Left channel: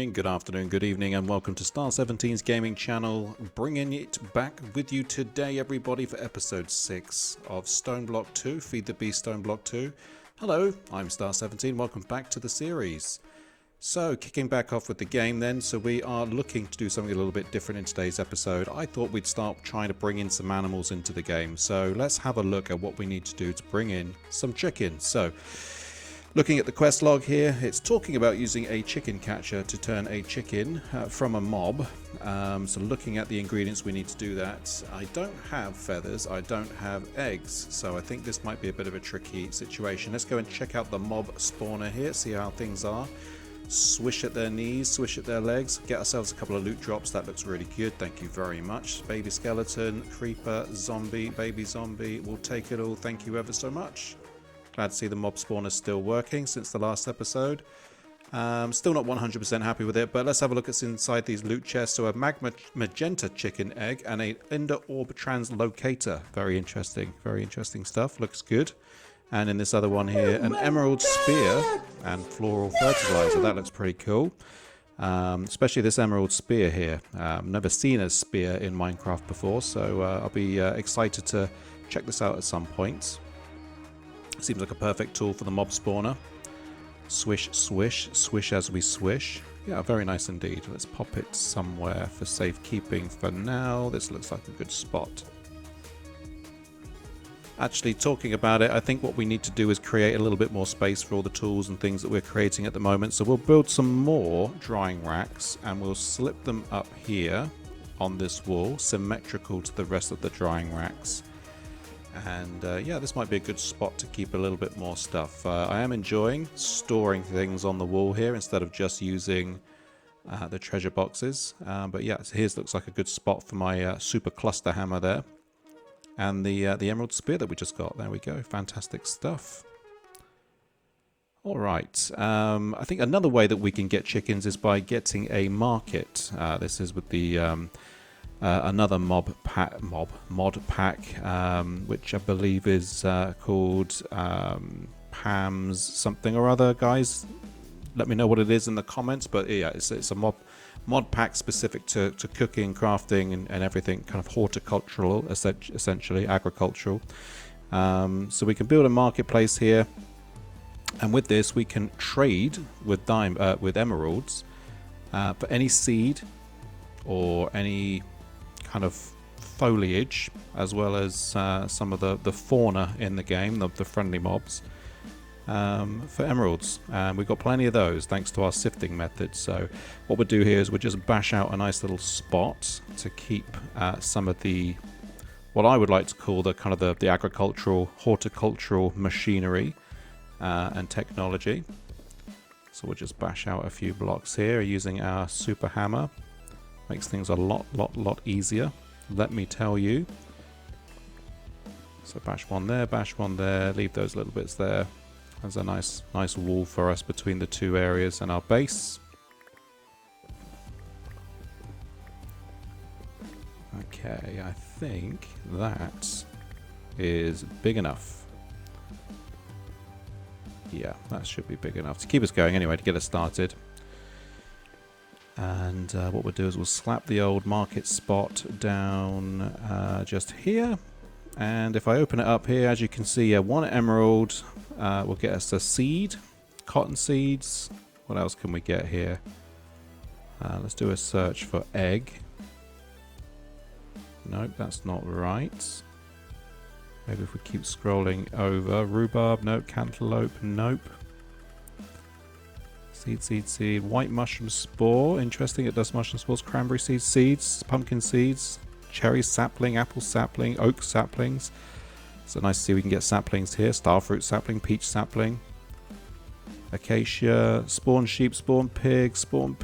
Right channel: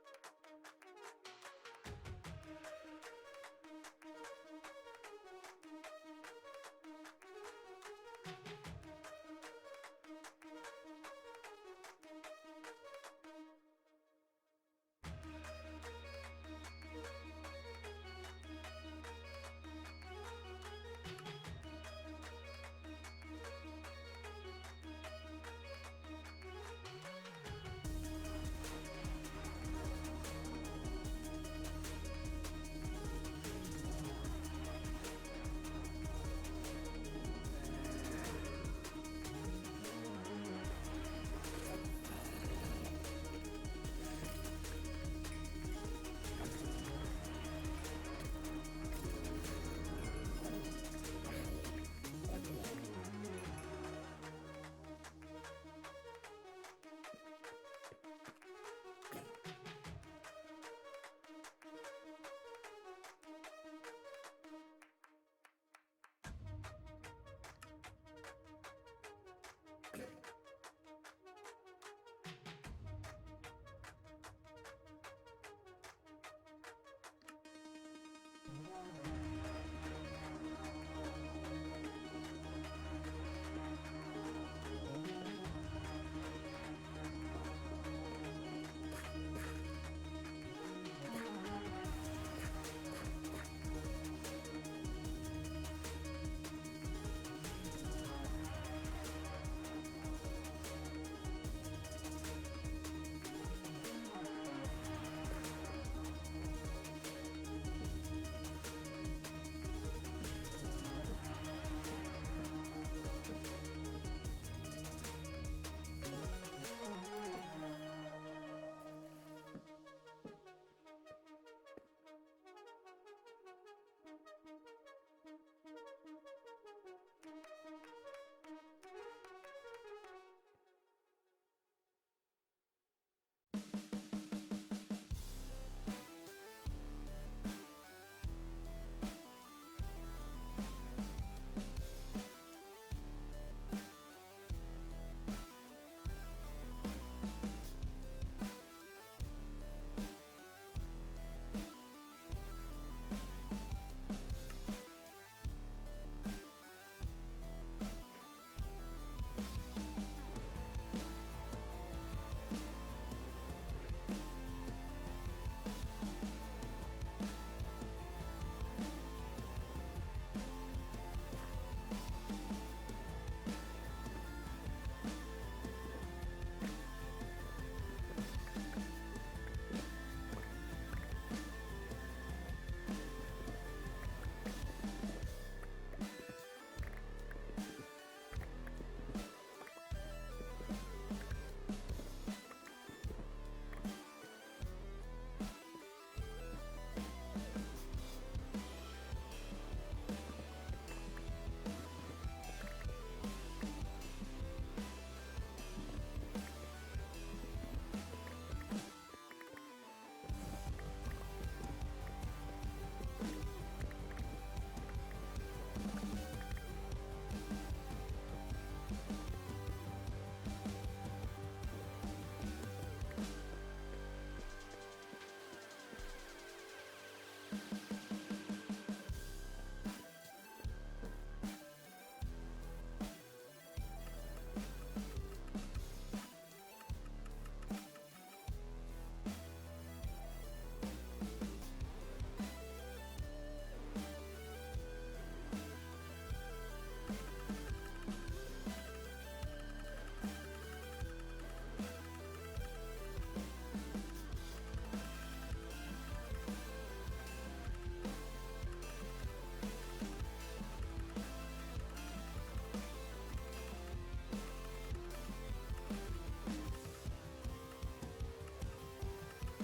morning, good afternoon, good evening, and welcome to Star17's gaming channel, bringing it back with you today, everybody, for episode 6 of Stoneblock 2, Feed the Beast Stoneblock 2. Hello, I'm Star17, welcome back to the series. So, kicking back off with the game then, so we are looking to do something a little bit different in today's episode. I thought we'd start trying to bring in some animals into the game, so let's have a look at what we need to do to bring in some chickens. So, looking at the quest log here, it's talking about using a chicken catcher to turn a chicken from a mob. So looking at the ingredients, we need to do that. I don't have feathers, I don't have eggs, so I think this might be a bit of a tricky situation. Let's go and check out the mob spawner here, see how things are. Swish at their knees, swish at their legs, get ourselves a couple of loot drops. That looks really good, thank you very much. Baby skeleton, creeper, zombie, baby zombie, we'll take it all, thank you ever so much. Glad to see the mob spawner still working since the last episode. Still not 100% happy with it, but let's have a look at inside these loot chests. So a magenta chicken egg and an ender orb translocator. Very interesting stuff. Looks good. And in this other one here, an emerald spear and floral fertilizer. That looks pretty cool. Especially this emerald spear here. Never seen a spear in Minecraft before, so I'll be excited to check this out at some point. Seems like a perfect tool for the mob spawner. Swish, swish, swish as we swish. Yeah, very nice indeed. Let's pop it somewhere for safekeeping for now. This looks like a good spot. Actually, talking about it, I think what we need to do is create a little bit more space for all the tools and things that we're creating at the moment. So we'll build some more drying racks and we'll slip them up here on this wall, symmetrical to the rest of the drying racks. And yeah, this might be a good spot to keep a little bit more stuff. I am enjoying storing things on the wall here instead of just using the treasure boxes. But yeah, so here's looks like a good spot for my super cluster hammer there. And the emerald spear that we just got. There we go. Fantastic stuff. All right. I think another way that we can get chickens is by getting a market. This is with the another mod pack, which I believe is called Pam's something or other. Guys, let me know what it is in the comments. But yeah, it's a mod pack specific to cooking, crafting, and everything kind of horticultural, essentially agricultural. So we can build a marketplace here, and with this we can trade with emeralds for any seed or any kind of foliage, as well as some of the fauna in the game, the friendly mobs, for emeralds. And we've got plenty of those thanks to our sifting method. So what we'll do here is we'll just bash out a nice little spot to keep some of the, what I would like to call the kind of the agricultural, horticultural machinery and technology. So we'll just bash out a few blocks here using our super hammer. Makes things a lot easier, let me tell you. So bash one there, leave those little bits there. There's a nice wall for us between the two areas and our base. Okay, I think that is big enough. Yeah, that should be big enough to keep us going anyway, to get us started. And what we'll do is we'll slap the old market spot down just here. And if I open it up here, as you can see, one emerald will get us a seed, cotton seeds. What else can we get here? Let's do a search for egg. Nope, that's not right. Maybe if we keep scrolling over. Rhubarb, nope. Cantaloupe, nope. Seed. White mushroom spore. Interesting, it does mushroom spores. Cranberry seeds, pumpkin seeds, cherry sapling, apple sapling, oak saplings. So nice to see we can get saplings here. Starfruit sapling, peach sapling, acacia, spawn sheep, spawn pig, spawn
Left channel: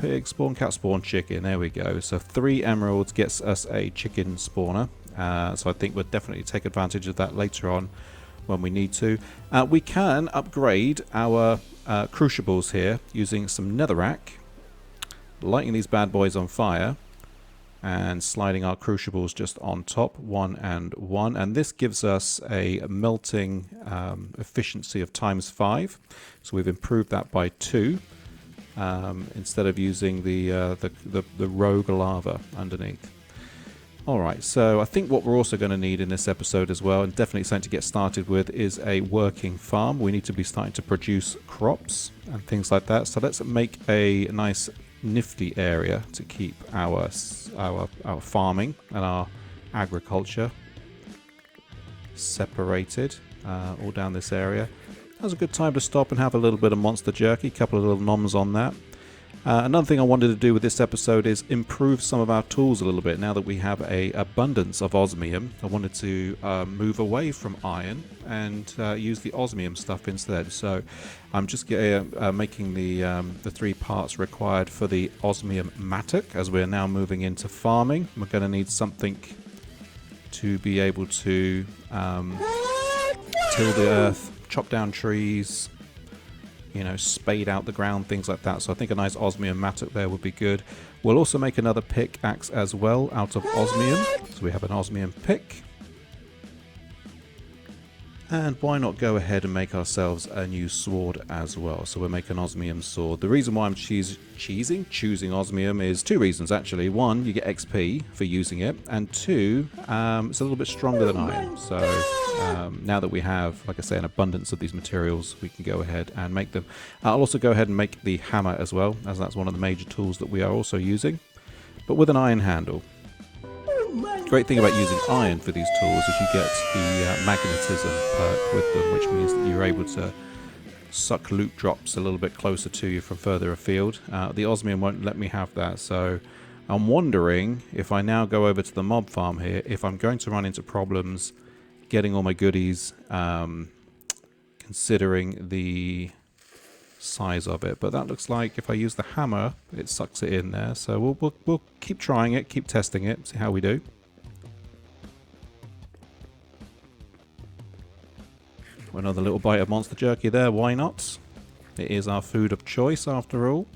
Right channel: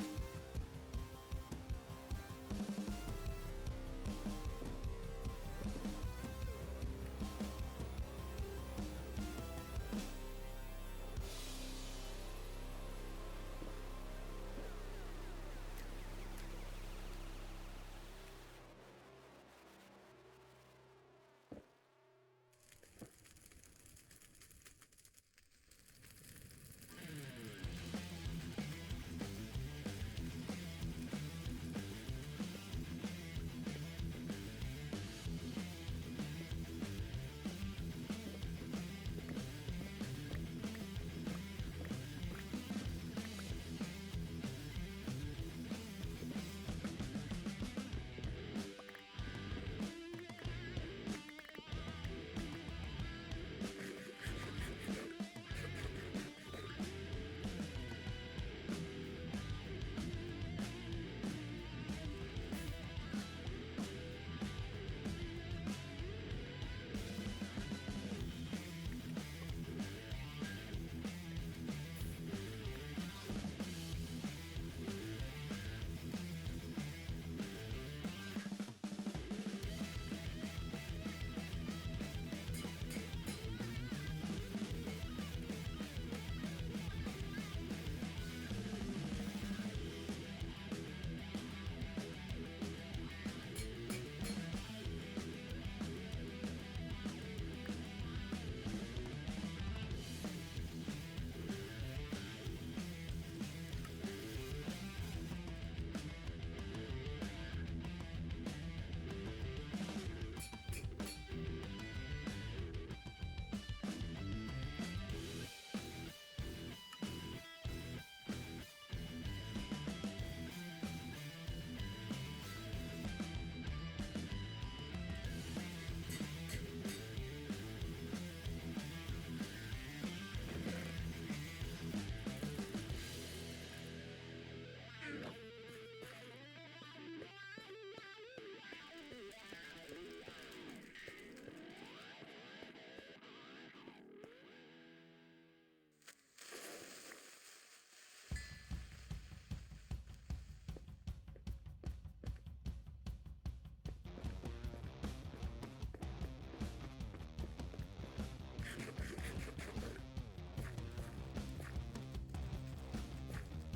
cow, spawn chicken. There we go. So 3 emeralds gets us a chicken spawner. So I think we'll definitely take advantage of that later on when we need to. We can upgrade our crucibles here using some netherrack, lighting these bad boys on fire and sliding our crucibles just on top, 1 and 1, and this gives us a melting efficiency of ×5, so we've improved that by 2. instead of using the rogue lava underneath. Alright, so I think what we're also going to need in this episode as well, and definitely something to get started with, is a working farm. We need to be starting to produce crops and things like that. So let's make a nice nifty area to keep our farming and our agriculture separated all down this area. That's a good time to stop and have a little bit of monster jerky, a couple of little noms on that. Another thing I wanted to do with this episode is improve some of our tools a little bit. Now that we have an abundance of osmium, I wanted to move away from iron and use the osmium stuff instead. So I'm just making the 3 parts required for the osmium mattock, as we're now moving into farming. We're going to need something to be able to till the earth, chop down trees, you know, spade out the ground, things like that. So I think a nice osmium mattock there would be good. We'll also make another pickaxe as well out of osmium. So we have an osmium pick. And why not go ahead and make ourselves a new sword as well. So we'll make an osmium sword. The reason why I'm choosing osmium is 2 reasons actually. 1, you get XP for using it, and 2, it's a little bit stronger than iron. So now that we have, like I say, an abundance of these materials, we can go ahead and make them. I'll also go ahead and make the hammer as well, as that's one of the major tools that we are also using, but with an iron handle. Great thing about using iron for these tools is you get the magnetism perk with them, which means that you're able to suck loot drops a little bit closer to you from further afield. The osmium won't let me have that, so I'm wondering if I now go over to the mob farm here, if I'm going to run into problems getting all my goodies, considering the size of it. But that looks like if I use the hammer, it sucks it in there. So we'll keep trying it, keep testing it, see how we do. Another little bite of monster jerky there, why not? It is our food of choice after all.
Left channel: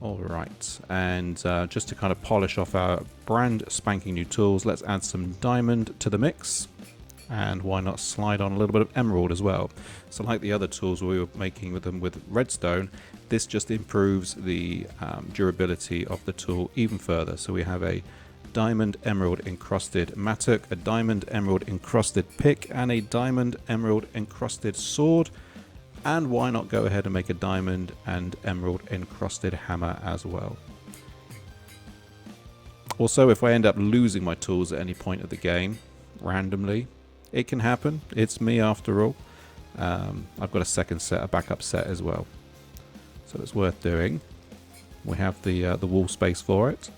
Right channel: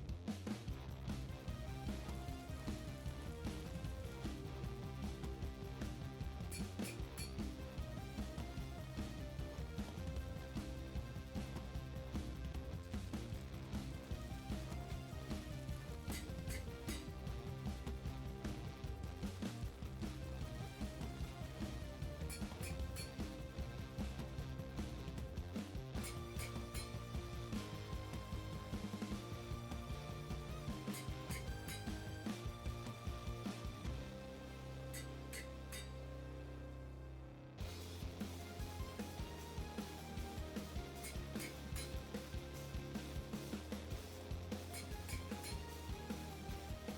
Alright, and just to kind of polish off our brand spanking new tools, let's add some diamond to the mix. And why not slide on a little bit of emerald as well. So like the other tools we were making with them with redstone, this just improves the durability of the tool even further. So we have a diamond emerald encrusted mattock, a diamond emerald encrusted pick, and a diamond emerald encrusted sword. And why not go ahead and make a diamond and emerald encrusted hammer as well. Also, if I end up losing my tools at any point of the game randomly, it can happen. It's me after all. I've got a second set, a backup set as well, so it's worth doing. We have the wall space for it.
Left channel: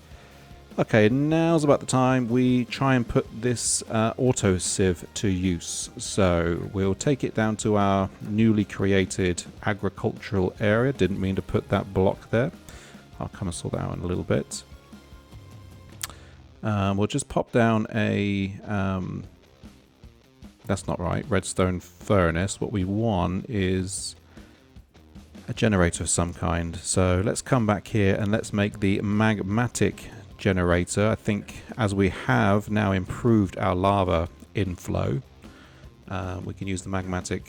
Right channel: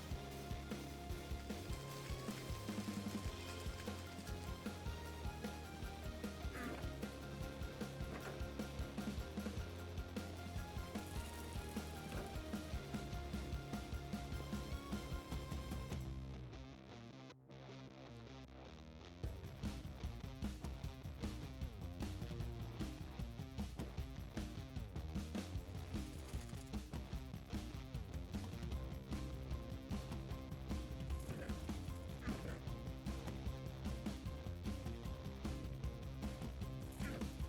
Okay, now's about the time we try and put this auto sieve to use. So we'll take it down to our newly created agricultural area. Didn't mean to put that block there. I'll kind of sort that out in a little bit. We'll just pop down a that's not right, redstone furnace. What we want is a generator of some kind. So let's come back here and let's make the magmatic generator. I think as we have now improved our lava inflow, we can use the magmatic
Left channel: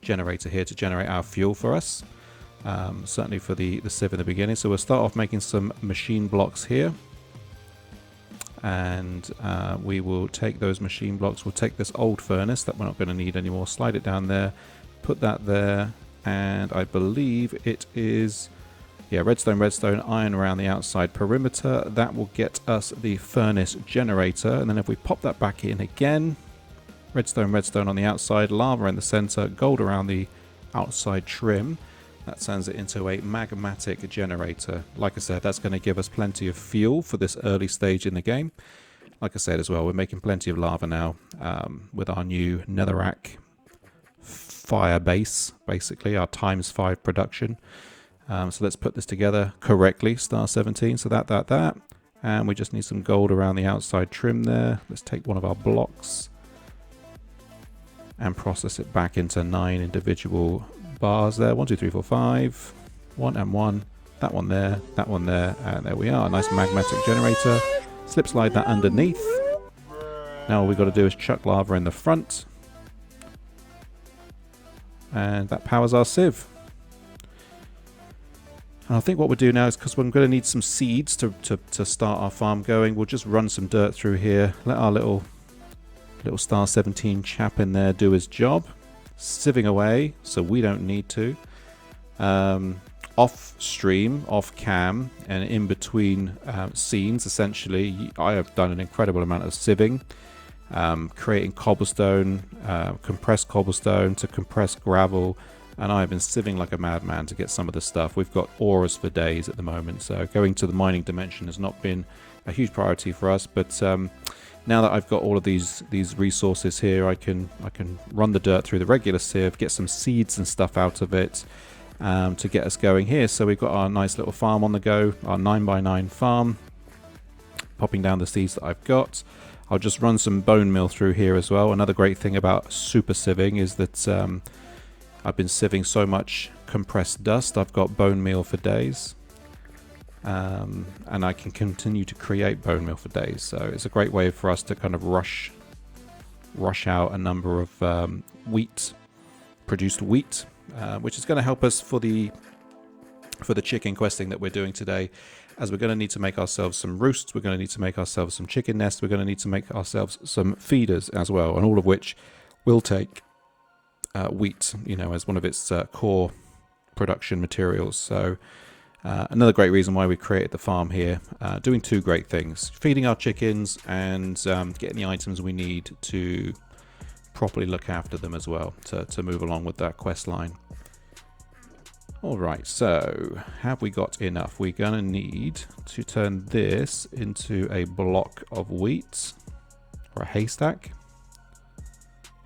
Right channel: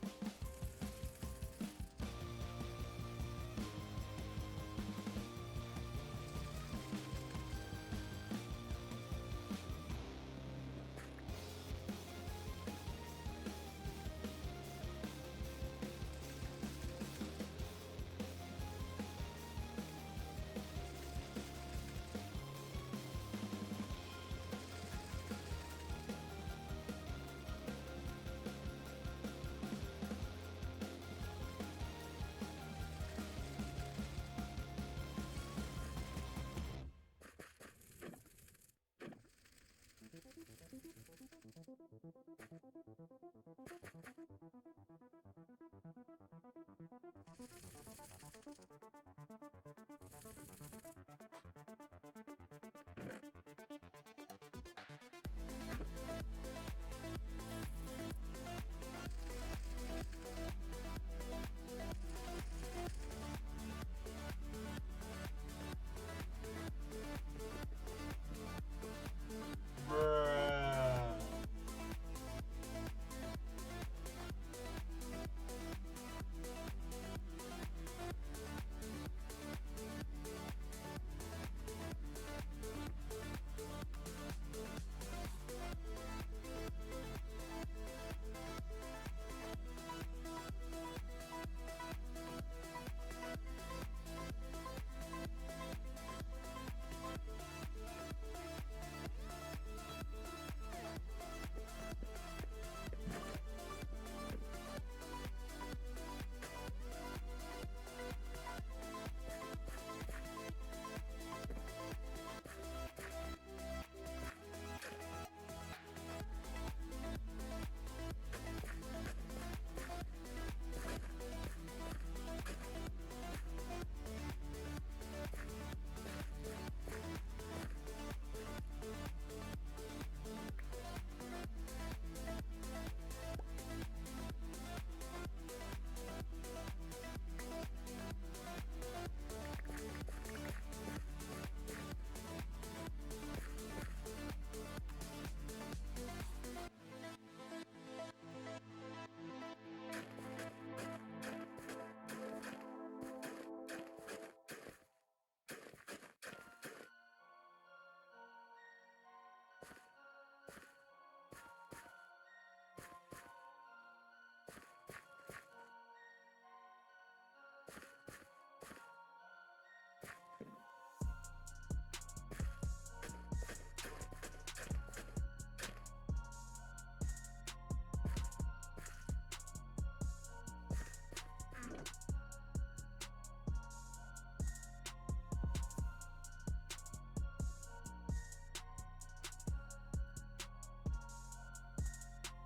generator here to generate our fuel for us, certainly for the sieve in the beginning. So we'll start off making some machine blocks here, and we will take those machine blocks. We'll take this old furnace that we're not going to need anymore, slide it down there, put that there, and I believe it is, yeah, redstone, iron around the outside perimeter. That will get us the furnace generator. And then if we pop that back in again, redstone on the outside, lava in the center, gold around the outside trim, that turns it into a magmatic generator. Like I said, that's going to give us plenty of fuel for this early stage in the game. Like I said as well, we're making plenty of lava now with our new netherrack fire base, basically our ×5 production. So let's put this together correctly, Star17. So that. And we just need some gold around the outside trim there. Let's take one of our blocks and process it back into 9 individual bars there. 1, 2, 3, 4, 5. 1 and 1. That one there, and there we are. A nice magmatic generator. Slip slide that underneath. Now all we've got to do is chuck lava in the front. and that powers our sieve. And I think what we'll do now is, because we're going to need some seeds to start our farm going, we'll just run some dirt through here, let our little Star 17 chap in there do his job, sieving away so we don't need to. Off stream, off cam, and in between scenes, essentially, I have done an incredible amount of sieving, creating cobblestone, compressed cobblestone to compressed gravel, and I've been sieving like a madman to get some of the stuff. We've got auras for days at the moment, so going to the mining dimension has not been a huge priority for us, but now that I've got all of these resources here, I can run the dirt through the regular sieve, get some seeds and stuff out of it, to get us going here. So we've got our nice little farm on the go, our 9x9 farm, popping down the seeds that I've got. I'll just run some bone meal through here as well. Another great thing about super sieving is that I've been sieving so much compressed dust, I've got bone meal for days. And I can continue to create bone meal for days, so it's a great way for us to kind of rush out a number of produced wheat, which is going to help us for the chicken questing that we're doing today, as we're going to need to make ourselves some roosts, we're going to need to make ourselves some chicken nests, we're going to need to make ourselves some feeders as well, and all of which will take wheat, you know, as one of its core production materials. So another great reason why we created the farm here, doing two great things: feeding our chickens and getting the items we need to properly look after them as well, to move along with that quest line. Alright, so have we got enough? We're going to need to turn this into a block of wheat, or a haystack.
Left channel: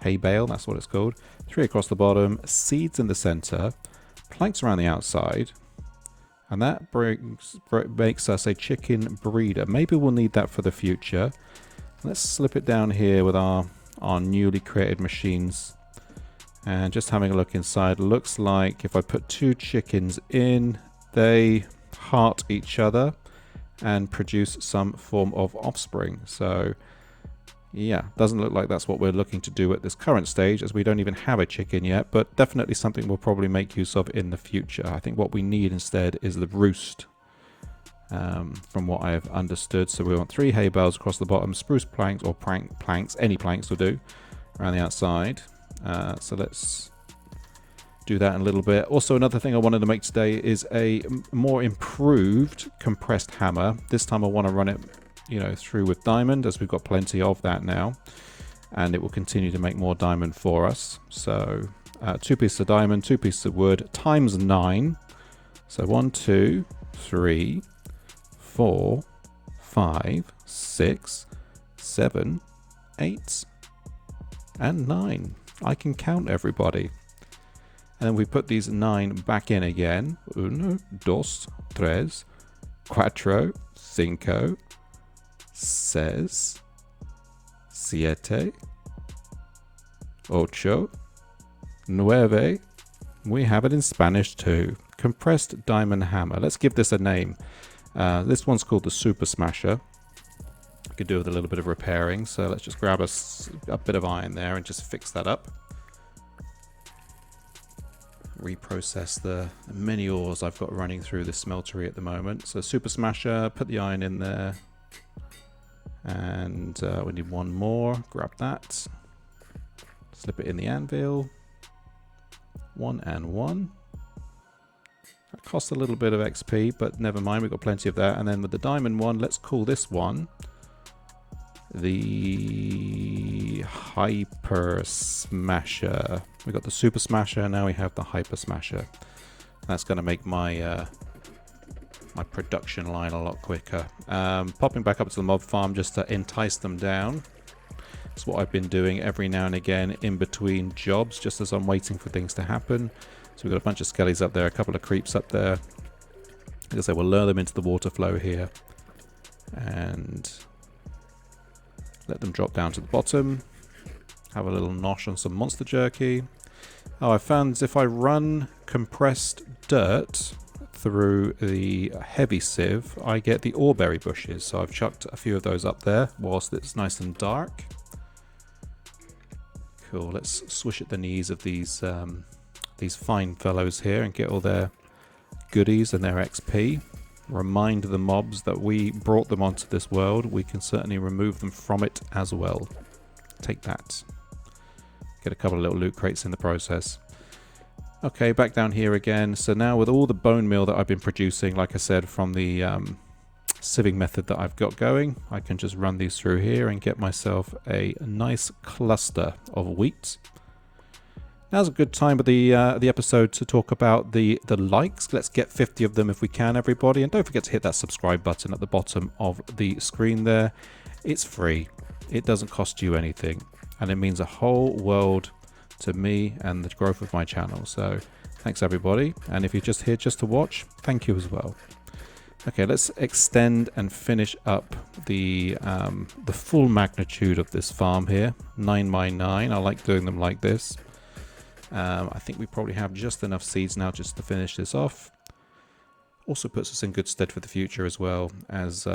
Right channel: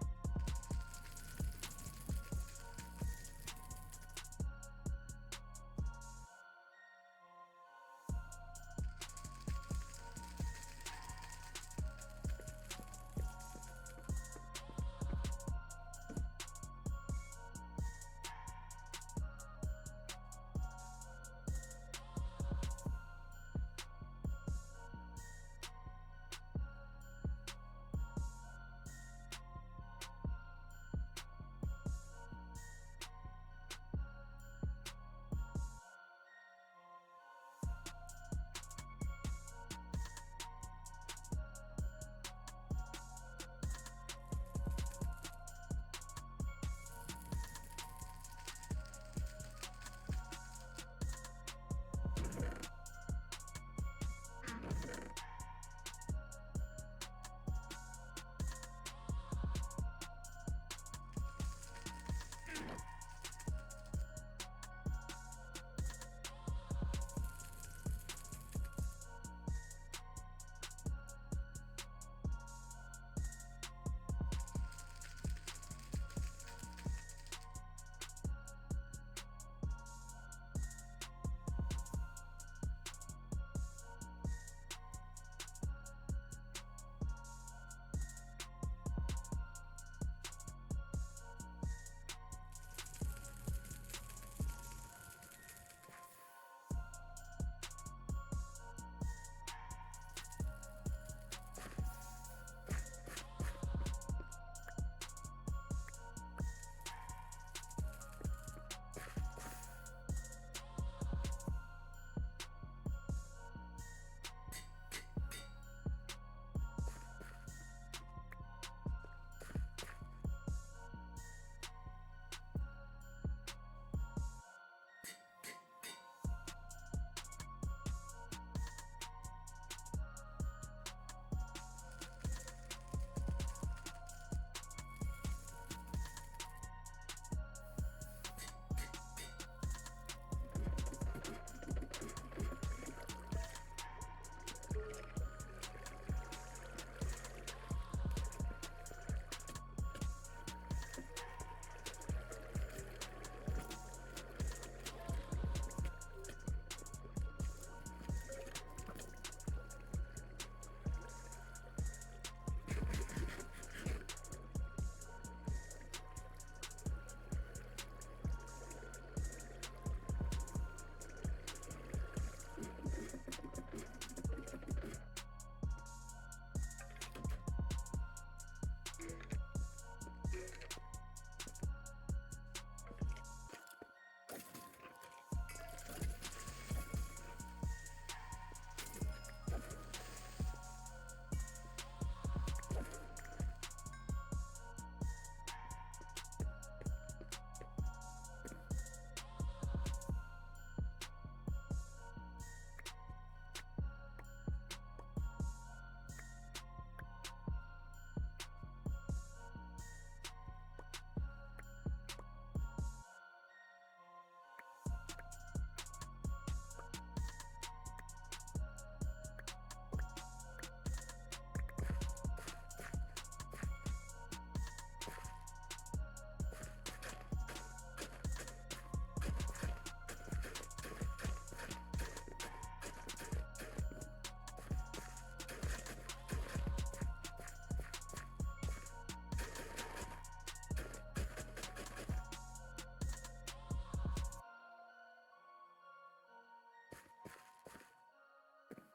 Hay bale, that's what it's called. 3 across the bottom, seeds in the center, planks around the outside, and that makes us a chicken breeder. Maybe we'll need that for the future. Let's slip it down here with our newly created machines. And just having a look inside, looks like if I put 2 chickens in, they heart each other and produce some form of offspring. So yeah, doesn't look like that's what we're looking to do at this current stage, as we don't even have a chicken yet, but definitely something we'll probably make use of in the future. I think what we need instead is the roost, from what I have understood. So we want 3 hay bales across the bottom, spruce planks or planks, any planks will do, around the outside. So let's do that in a little bit. Also, another thing I wanted to make today is a more improved compressed hammer. This time I want to run it, you know, through with diamond, as we've got plenty of that now, and it will continue to make more diamond for us. So 2 pieces of diamond, 2 pieces of wood, times 9. So 1, 2, 3, 4, 5, 6, 7, 8, and 9. I can count, everybody. And then we put these 9 back in again. 1, 2, 3, 4, 5, 6, 7, 8, 9. We have it in Spanish too. Compressed diamond hammer. Let's give this a name. This one's called the Super Smasher. Could do with a little bit of repairing, so let's just grab a bit of iron there and just fix that up. Reprocess the many ores I've got running through the smeltery at the moment. So Super Smasher, put the iron in there, and we need 1 more. Grab that, slip it in the anvil. 1 and 1. That costs a little bit of XP, but never mind, we've got plenty of that. And then with the diamond one, let's call this one the Hyper Smasher. We got the Super Smasher, now we have the Hyper Smasher. That's going to make my my production line a lot quicker. Popping back up to the mob farm just to entice them down. That's what I've been doing every now and again in between jobs, just as I'm waiting for things to happen. So we've got a bunch of skellies up there, a couple of creeps up there. Like I say, we'll lure them into the water flow here and let them drop down to the bottom. Have a little nosh on some monster jerky. Oh, I found if I run compressed dirt through the heavy sieve, I get the oreberry bushes. So I've chucked a few of those up there whilst it's nice and dark. Cool, let's swish at the knees of these these fine fellows here and get all their goodies and their XP. Remind the mobs that we brought them onto this world. We can certainly remove them from it as well. Take that. Get a couple of little loot crates in the process. Okay, back down here again. So now with all the bone meal that I've been producing, like I said, from the sieving method that I've got going, I can just run these through here and get myself a nice cluster of wheat. Now's a good time of the episode to talk about the likes. Let's get 50 of them if we can, everybody. And don't forget to hit that subscribe button at the bottom of the screen there. It's free. It doesn't cost you anything. And it means a whole world to me and the growth of my channel. So thanks, everybody. And if you're just here just to watch, thank you as well. Okay, let's extend and finish up the full magnitude of this farm here. 9 by 9. I like doing them like this. I think we probably have just enough seeds now just to finish this off. Also puts us in good stead for the future as well, as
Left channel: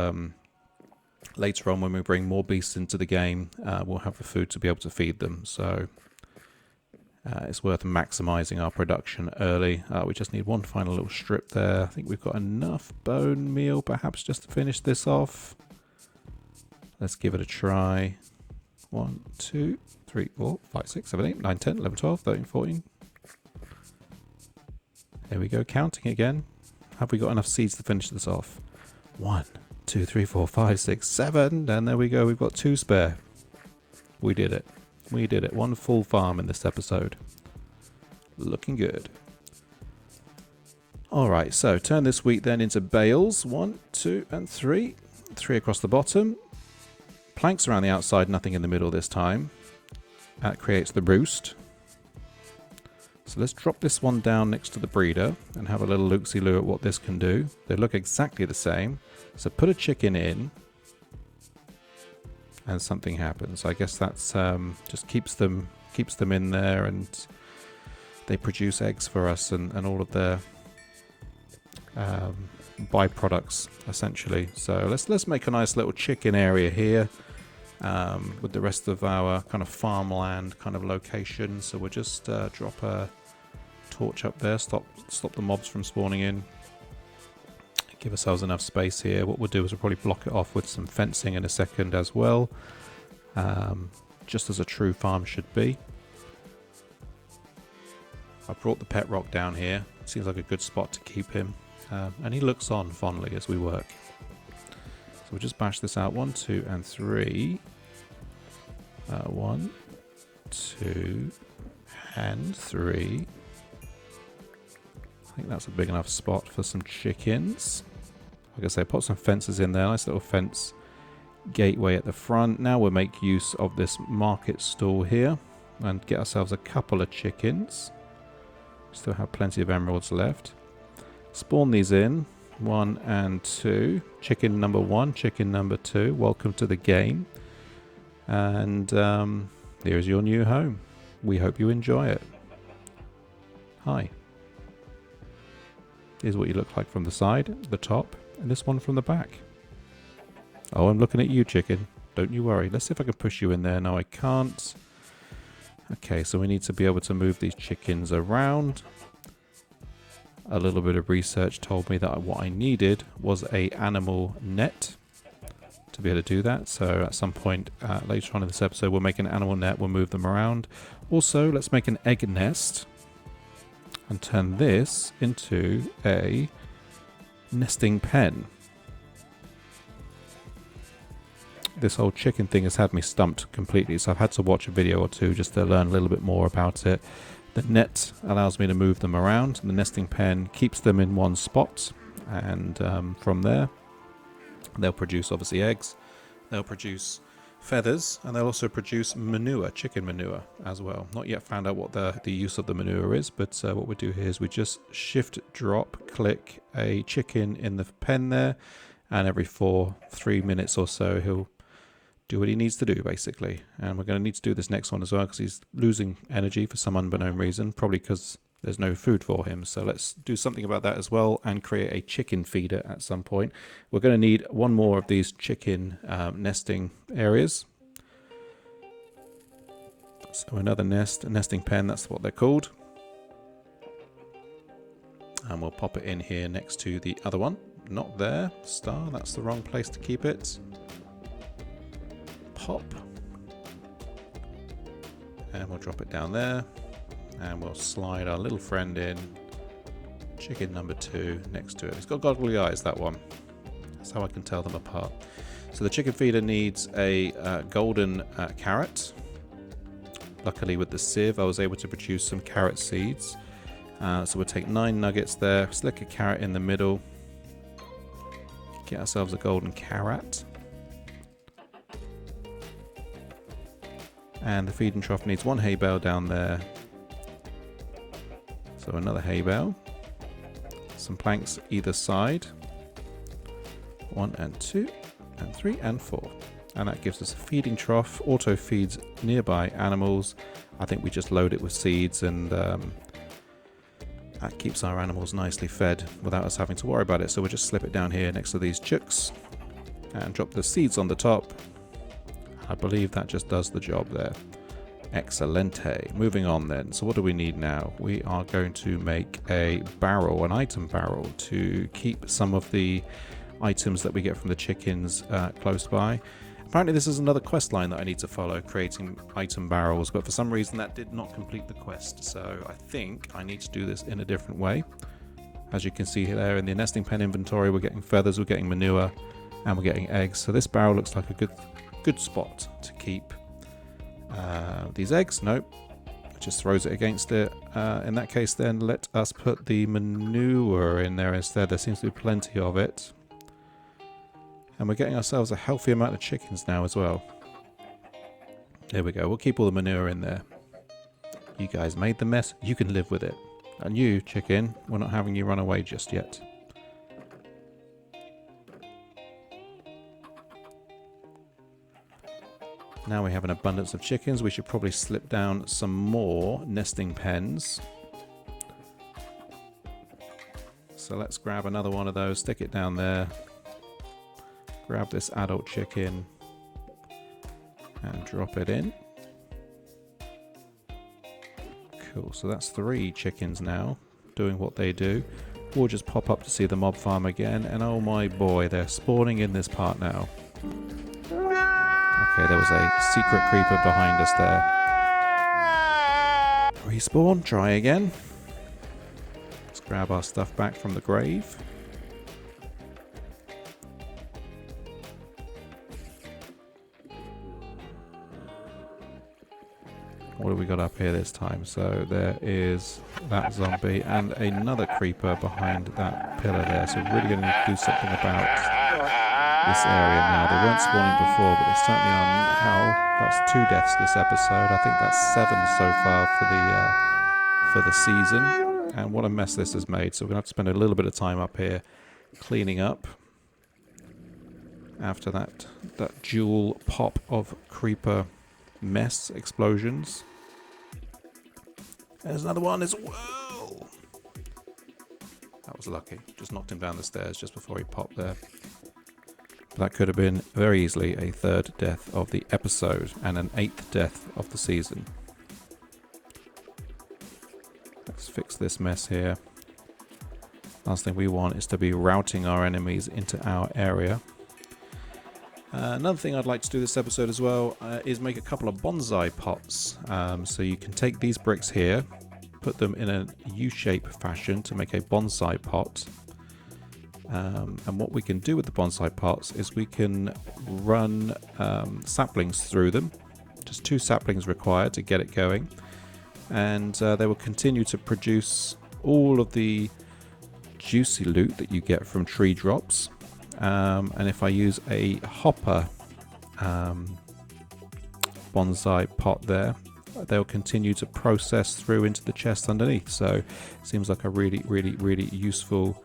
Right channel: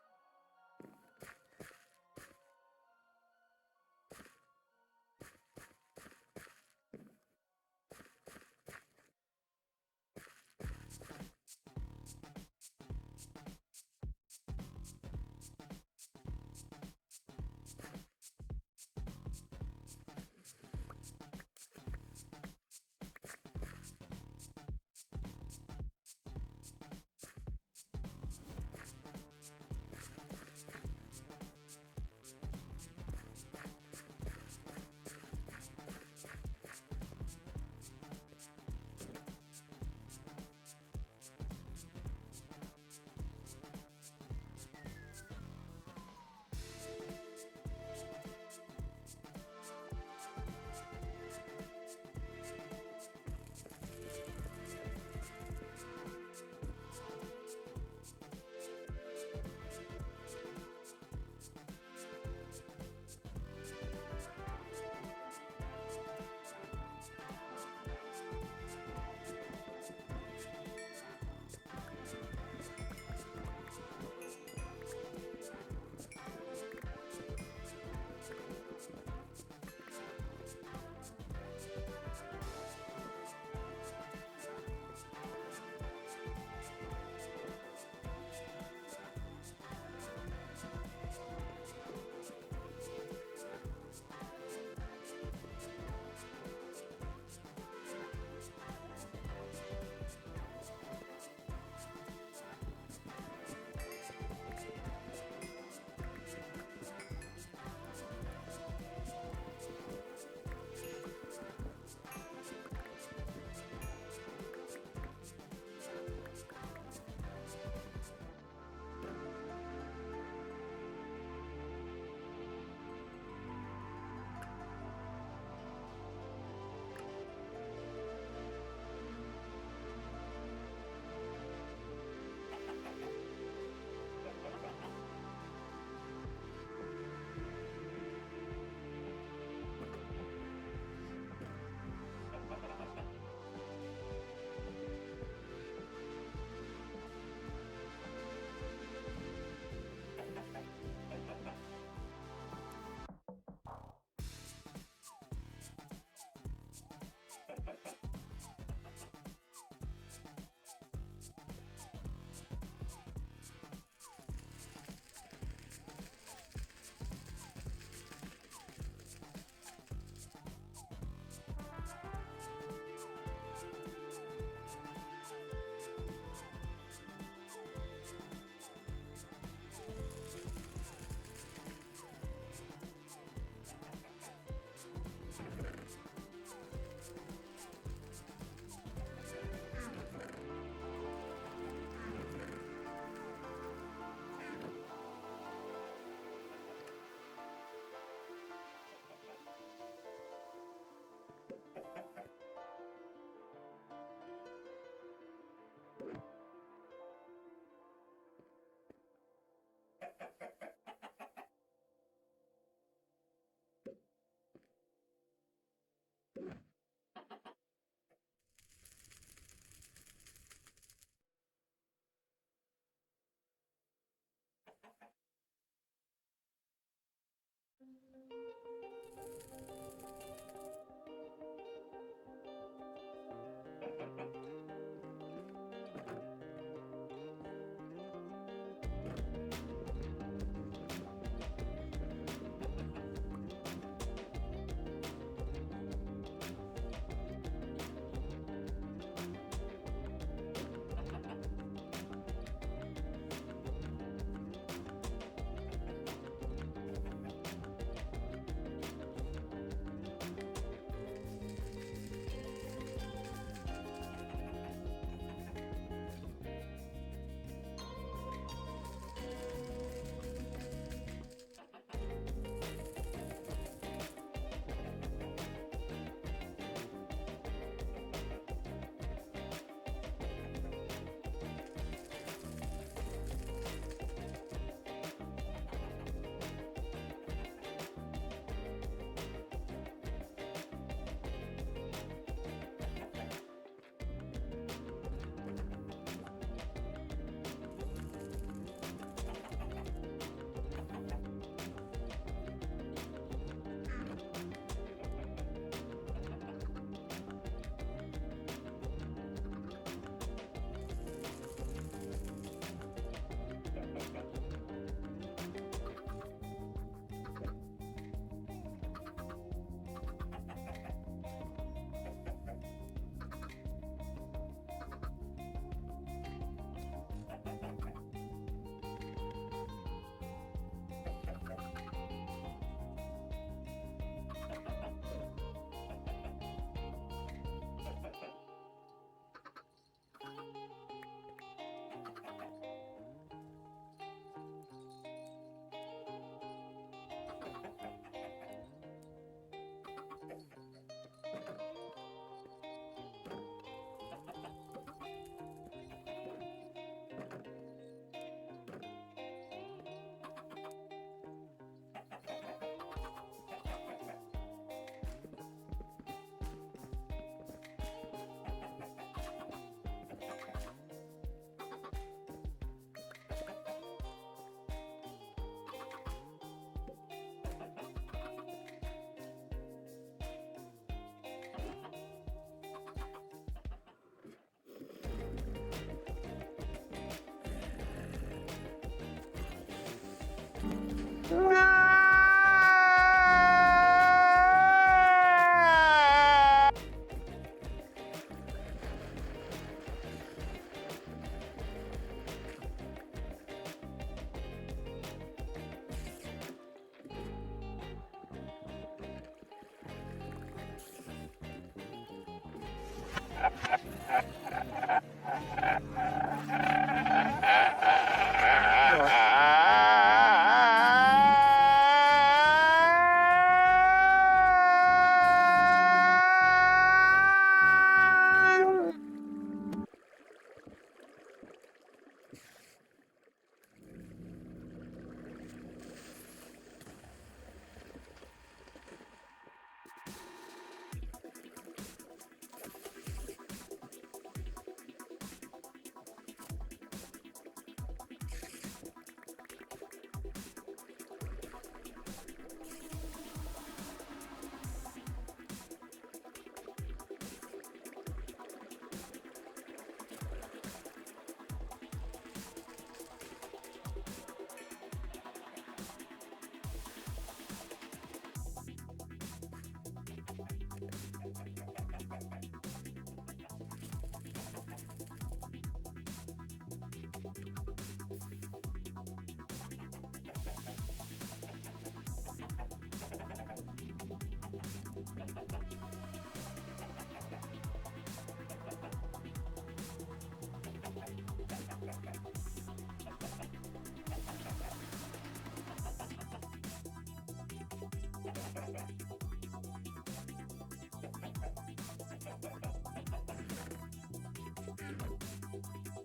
later on when we bring more beasts into the game, we'll have the food to be able to feed them. So it's worth maximizing our production early. We just need one final little strip there. I think we've got enough bone meal perhaps just to finish this off. Let's give it a try. 1, 2, 3, 4, 5, 6, 7, 8, 9, 10, 11, 12, 13, 14. There we go, counting again. Have we got enough seeds to finish this off? 1, 2, 3, 4, 5, 6, 7. And there we go, we've got 2 spare. We did it. We did it. 1 full farm in this episode. Looking good. Alright, so turn this wheat then into bales. 1, 2, and 3. 3 across the bottom. Planks around the outside, nothing in the middle this time. That creates the roost. So let's drop this one down next to the breeder and have a little look-see-loo at what this can do. They look exactly the same. So put a chicken in and something happens. I guess that's just keeps them in there, and they produce eggs for us and all of their byproducts essentially. So let's make a nice little chicken area here. With the rest of our kind of farmland kind of location. So we'll just drop a torch up there, stop the mobs from spawning in, give ourselves enough space here. What we'll do is we'll probably block it off with some fencing in a second as well, just as a true farm should be. I brought the pet rock down here. Seems like a good spot to keep him, and he looks on fondly as we work. So we'll just bash this out. 1, 2, and 3. 1, 2, and 3. I think that's a big enough spot for some chickens. Like I say, put some fences in there. Nice little fence gateway at the front. Now we'll make use of this market stall here and get ourselves a couple of chickens. Still have plenty of emeralds left. Spawn these in. 1 and 2. Chicken number 1, chicken number 2. Welcome to the game. And here's your new home. We hope you enjoy it. Hi. Here's what you look like from the side, the top, and this one from the back. Oh, I'm looking at you, chicken. Don't you worry. Let's see if I can push you in there. No, I can't. Okay, so we need to be able to move these chickens around. A little bit of research told me that what I needed was a animal net to be able to do that. So at some point later on in this episode, we'll make an animal net. We'll move them around. Also, let's make an egg nest and turn this into a nesting pen. This whole chicken thing has had me stumped completely, so I've had to watch a video or two just to learn a little bit more about it. The net allows me to move them around. The nesting pen keeps them in one spot, and from there they'll produce obviously eggs, they'll produce feathers, and they'll also produce manure, chicken manure as well. Not yet found out what the use of the manure is, but what we do here is we just shift drop click a chicken in the pen there, and every 3 minutes or so he'll do what he needs to do basically. And we're going to need to do this next one as well because he's losing energy for some unbeknown reason, probably because there's no food for him. So let's do something about that as well and create a chicken feeder at some point. We're going to need one more of these chicken nesting areas. So another nest, a nesting pen, that's what they're called. And we'll pop it in here next to the other one. Not there. Star, that's the wrong place to keep it. Pop. And we'll drop it down there. And we'll slide our little friend in. Chicken number 2 next to it. It's got goggly eyes, that one. That's how I can tell them apart. So the chicken feeder needs a golden carrot. Luckily with the sieve I was able to produce some carrot seeds. So we'll take 9 nuggets there, stick a carrot in the middle, get ourselves a golden carrot. And the feeding trough needs 1 hay bale down there. So another hay bale. Some planks either side. 1 and 2 and 3 and 4. And that gives us a feeding trough, auto feeds nearby animals. I think we just load it with seeds and that keeps our animals nicely fed without us having to worry about it. So we'll just slip it down here next to these chooks and drop the seeds on the top. I believe that just does the job there. Excelente. Moving on then. So what do we need now? We are going to make a barrel, an item barrel, to keep some of the items that we get from the chickens close by. Apparently this is another quest line that I need to follow, creating item barrels, but for some reason that did not complete the quest, so I think I need to do this in a different way. As you can see there in the nesting pen inventory, we're getting feathers, we're getting manure, and we're getting eggs, so this barrel looks like a good spot to keep these eggs. Nope, it just throws it against it. In that case then, let us put the manure in there instead. There seems to be plenty of it. And we're getting ourselves a healthy amount of chickens now as well. There we go. We'll keep all the manure in there. You guys made the mess. You can live with it. And you, chicken, we're not having you run away just yet. Now we have an abundance of chickens. We should probably slip down some more nesting pens. So let's grab another one of those, stick it down there. Grab this adult chicken and drop it in. Cool, so that's 3 chickens now doing what they do. We'll just pop up to see the mob farm again, and oh my boy, they're spawning in this part now. Okay, there was a secret creeper behind us there. Respawn, try again. Let's grab our stuff back from the grave. What have we got up here this time? So there is that zombie and another creeper behind that pillar there. So we're really going to do something about this area now. They weren't spawning before, but they certainly are now. That's 2 deaths this episode. I think that's 7 so far for the season. And what a mess this has made. So we're going to have to spend a little bit of time up here cleaning up after that dual pop of creeper mess explosions. There's another one as well. That was lucky. Just knocked him down the stairs just before he popped there. That could have been very easily a 3rd death of the episode and an 8th death of the season. Let's fix this mess here. Last thing we want is to be routing our enemies into our area. Another thing I'd like to do this episode as well is make a couple of bonsai pots. So you can take these bricks here, put them in a U-shape fashion to make a bonsai pot. And what we can do with the bonsai pots is we can run saplings through them. Just 2 saplings required to get it going. And they will continue to produce all of the juicy loot that you get from tree drops. And if I use a hopper bonsai pot there, they'll continue to process through into the chest underneath. So it seems like a really useful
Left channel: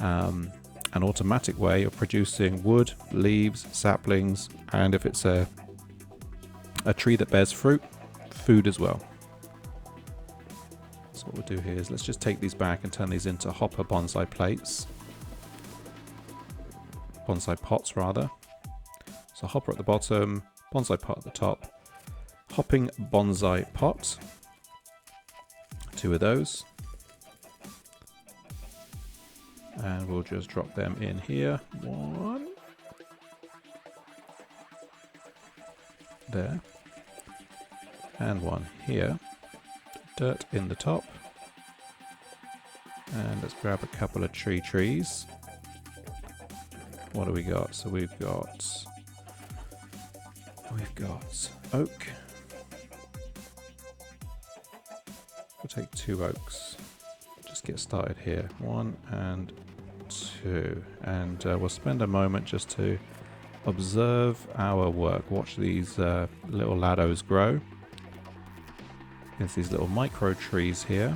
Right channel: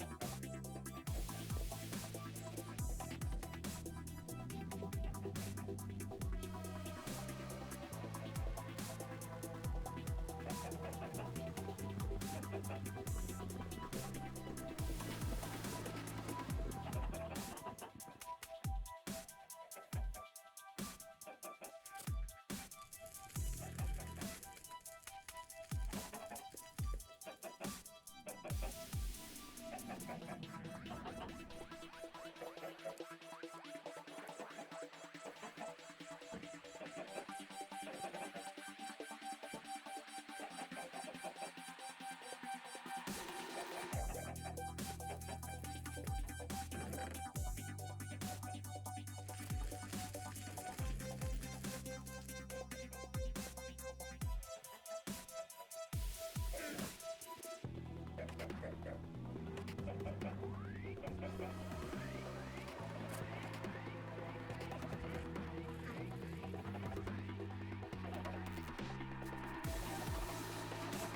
and automatic way of producing wood, leaves, saplings, and if it's a tree that bears fruit, food as well. So what we'll do here is let's just take these back and turn these into hopper bonsai plates. Bonsai pots rather. So hopper at the bottom, bonsai pot at the top, hopping bonsai pot. 2 of those. And we'll just drop them in here. One. There. And one here. Dirt in the top. And let's grab a couple of trees. What do we got? So we've got oak. We'll take 2 oaks. Just get started here. 1 and 2. And we'll spend a moment just to observe our work. Watch these little laddos grow. There's these little micro trees here.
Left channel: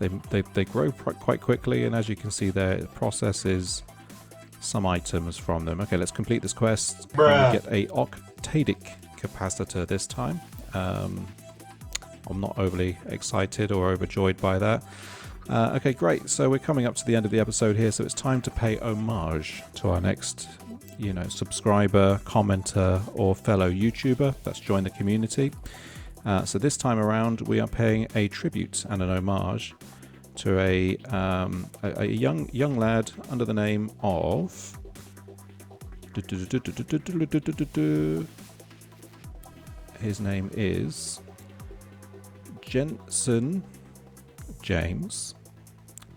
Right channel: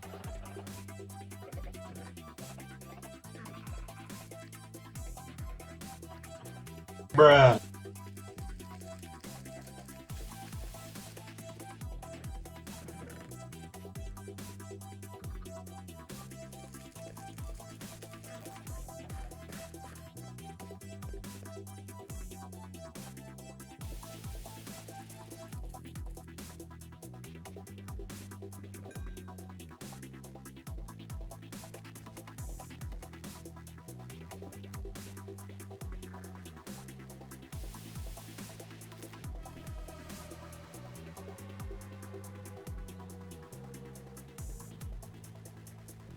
They grow quite quickly, and as you can see there, it processes some items from them. Okay, let's complete this quest. Get a octadic capacitor this time. I'm not overly excited or overjoyed by that. Okay, great. So we're coming up to the end of the episode here, so it's time to pay homage to our next, subscriber, commenter, or fellow YouTuber that's joined the community. So this time around, we are paying a tribute and an homage to a young lad under the name of his name is Jensen James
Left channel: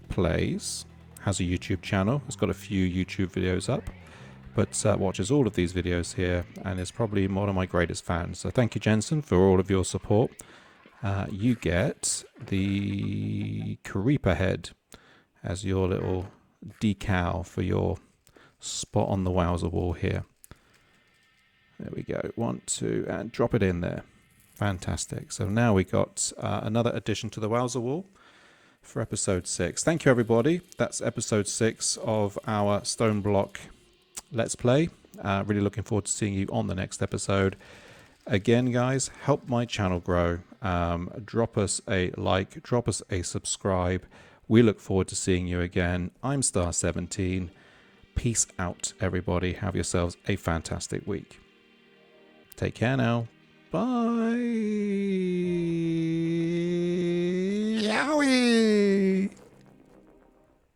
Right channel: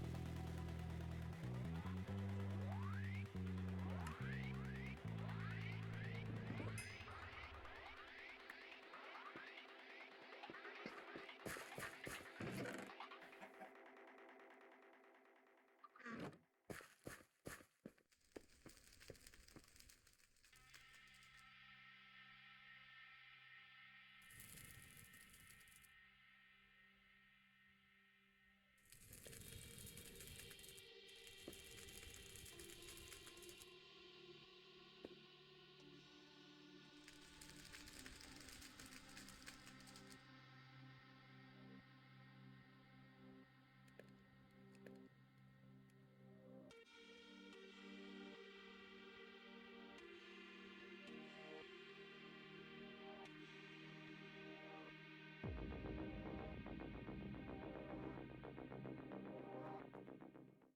Plays. Has a YouTube channel. It's got a few YouTube videos up, but watches all of these videos here and is probably one of my greatest fans. So thank you, Jensen, for all of your support. You get the Creeper head as your little decal for your spot on the Wowzer wall here. There we go. 1, 2, and drop it in there. Fantastic. So now we got another addition to the Wowzer wall for episode 6. Thank you, everybody. That's episode 6 of our Stone Block Let's Play. Really looking forward to seeing you on the next episode. Again, guys, help my channel grow. Drop us a like, drop us a subscribe. We look forward to seeing you again. I'm Star17. Peace out, everybody. Have yourselves a fantastic week. Take care now. Bye. Yowie.